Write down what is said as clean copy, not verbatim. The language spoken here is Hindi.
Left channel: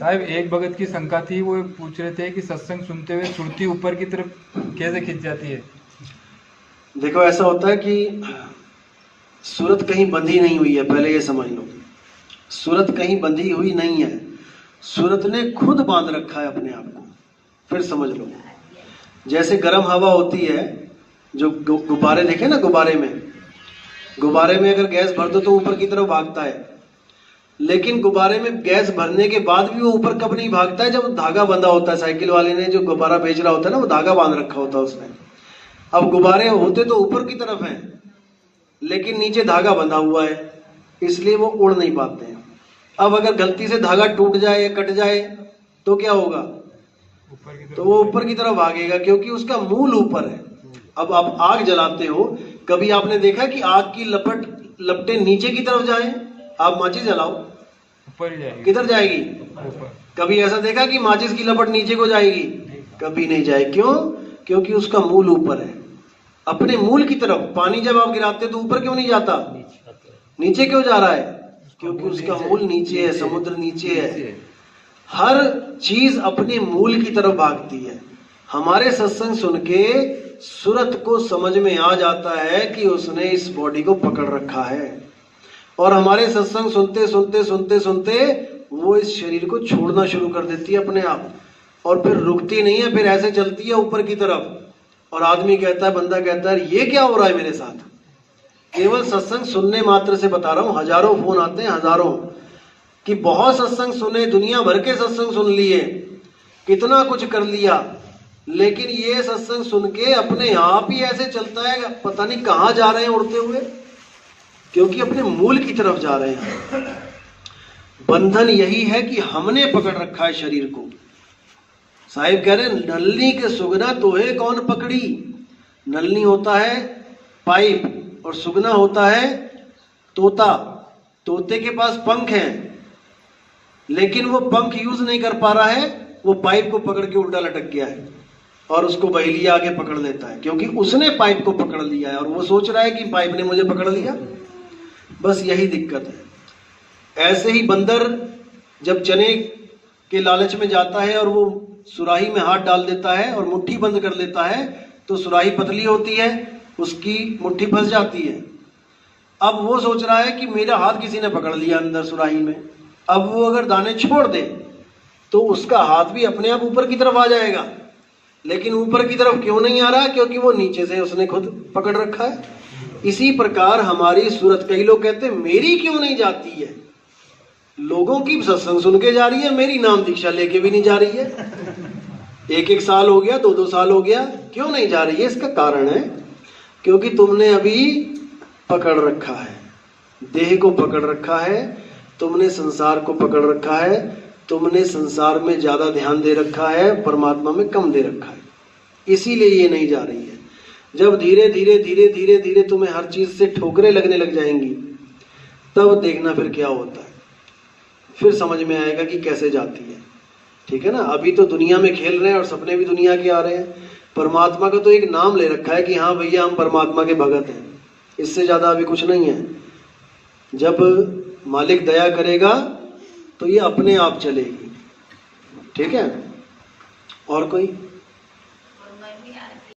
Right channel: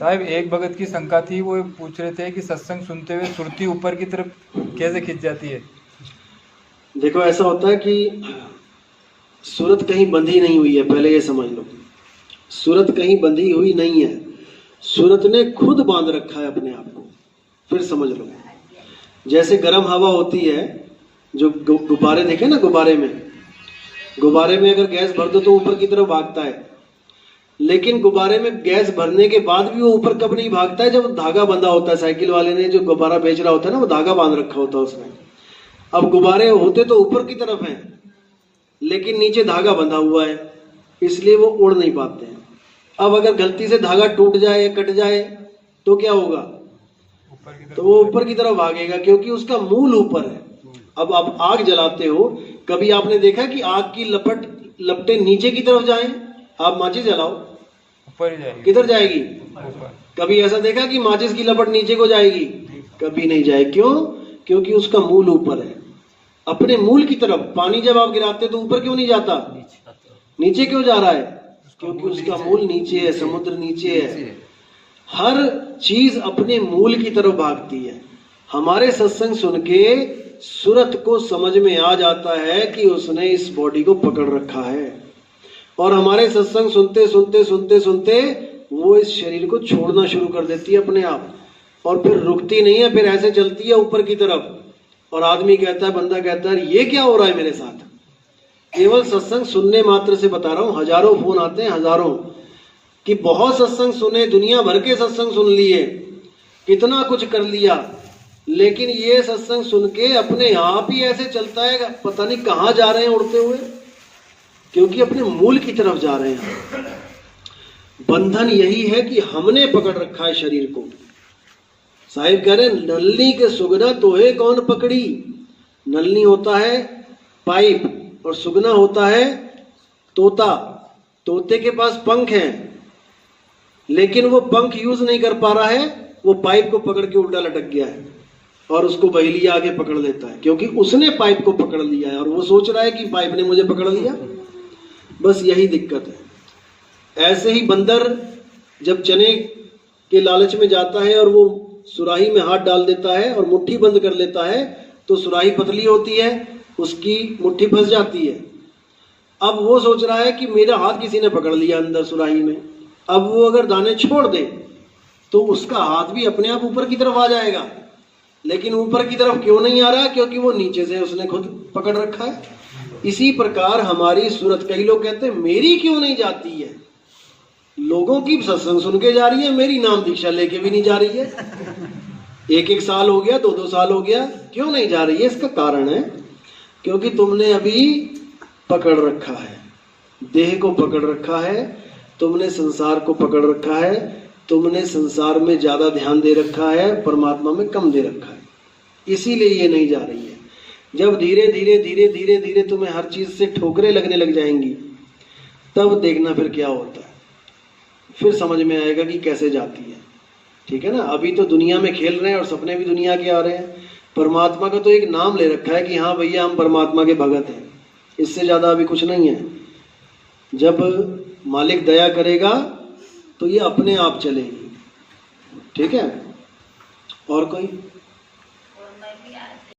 साहब एक भगत की शंका थी, वो पूछ रहे थे कि सत्संग सुनते हुए सुरती ऊपर की तरफ कैसे खिंच जाती है। देखो ऐसा होता है कि सूरत कहीं बंधी नहीं हुई है, पहले ये समझ लो। सूरत कहीं बंधी हुई नहीं है, सूरत ने खुद बांध रखा है अपने आप को। फिर समझ लो, जैसे गर्म हवा होती है, जो गुब्बारे देखे ना, गुब्बारे में अगर गैस भर दो तो ऊपर की तरफ भागता है, लेकिन गुब्बारे में गैस भरने के बाद भी वो ऊपर कब नहीं भागता है, जब धागा बंधा होता है। साइकिल वाले ने जो गुब्बारा बेच रहा होता है ना, वो धागा बांध रखा होता है उसने। अब गुब्बारे होते तो ऊपर की तरफ हैं, लेकिन नीचे धागा बंधा हुआ है, इसलिए वो उड़ नहीं पाते हैं। अब अगर गलती से धागा टूट जाए, कट जाए, तो क्या होगा? तो वो ऊपर की तरफ भागेगा, क्योंकि उसका मूल ऊपर है। अब आप आग जलाते हो, कभी आपने देखा कि आग की लपटें नीचे की तरफ जाएं? आप माचिस जलाओ, ऊपर ही जाएगी। किधर जाएगी? ऊपर। कभी ऐसा देखा कि माचिस की लपट नीचे को जाएगी? कभी नहीं जाएगी। क्यों? क्योंकि उसका मूल ऊपर है, अपने मूल की तरफ। पानी जब आप गिराते तो ऊपर क्यों नहीं जाता? नीचे क्यों जा रहा है? क्योंकि उसका मूल नीचे है, समुद्र नीचे है। हर चीज अपने मूल की तरफ भागती है। हमारे सत्संग सुन के सूरत को समझ में आ जाता है कि उसने इस बॉडी को पकड़ रखा है, और हमारे सत्संग सुनते सुनते सुनते सुनते वो इस शरीर को छोड़ना शुरू कर देती है अपने आप, और फिर रुकती नहीं है, फिर ऐसे चलती है ऊपर की तरफ। और आदमी कहता है, बंदा कहता है, ये क्या हो रहा है मेरे साथ? केवल सत्संग सुनने मात्र से बता रहा हूं। हजारों फोन आते हैं, हजारों, कि बहुत सत्संग सुने, दुनिया भर के सत्संग सुन लिए, कितना कुछ कर लिया, लेकिन ये सत्संग सुन के अपने आप ही ऐसे चलता है, पता नहीं कहां जा रहे हैं उड़ते हुए, क्योंकि अपने मूल की तरफ जा रहे हैं। बंधन यही है कि हमने पकड़ रखा है शरीर को। साहिब कह रहे, नलनी के सुगना तोहे कौन पकड़ी। नलनी होता है पाइप, और सुगना होता है तोता। तोते के पास पंख हैं, लेकिन वो पंख यूज नहीं कर पा रहा है, वो पाइप को पकड़ के उल्टा लटक गया है, और उसको बहेलिया आगे पकड़ लेता है, क्योंकि उसने पाइप को पकड़ लिया है, और वो सोच रहा है कि पाइप ने मुझे पकड़ लिया। बस यही दिक्कत है। ऐसे ही बंदर जब चने के लालच में जाता है और वो सुराही में हाथ डाल देता है और मुट्ठी बंद कर लेता है, तो सुराही पतली होती है, उसकी मुट्ठी फंस जाती है। अब वो सोच रहा है कि मेरा हाथ किसी ने पकड़ लिया अंदर सुराही में। अब वो अगर दाने छोड़ दे तो उसका हाथ भी अपने आप ऊपर की तरफ आ जाएगा, लेकिन ऊपर की तरफ क्यों नहीं आ रहा? क्योंकि वो नीचे से उसने खुद पकड़ रखा है। इसी प्रकार हमारी सूरत, कई लोग कहते हैं मेरी क्यों नहीं जाती है? लोगों की सत्संग सुन के जा रही है, मेरी नाम दीक्षा लेके भी नहीं जा रही है। एक साल हो गया, 2 साल हो गया, क्यों नहीं जा रही है? इसका कारण है क्योंकि तुमने अभी पकड़ रखा है, देह को पकड़ रखा है, तुमने संसार को पकड़ रखा है, तुमने संसार में ज्यादा ध्यान दे रखा है, परमात्मा में कम दे रखा है, इसीलिए ये नहीं जा रही है। जब धीरे धीरे धीरे धीरे धीरे तुम्हें हर चीज से ठोकरें लगने लग जाएंगी, तब देखना फिर क्या होता है, फिर समझ में आएगा कि कैसे जाती है। ठीक है ना? अभी तो दुनिया में खेल रहे हैं और सपने भी दुनिया के आ रहे हैं। परमात्मा का तो एक नाम ले रखा है कि हाँ भैया हम परमात्मा के भगत हैं, इससे ज्यादा अभी कुछ नहीं है। जब मालिक दया करेगा तो ये अपने आप चलेगी। ठीक है? और कोई?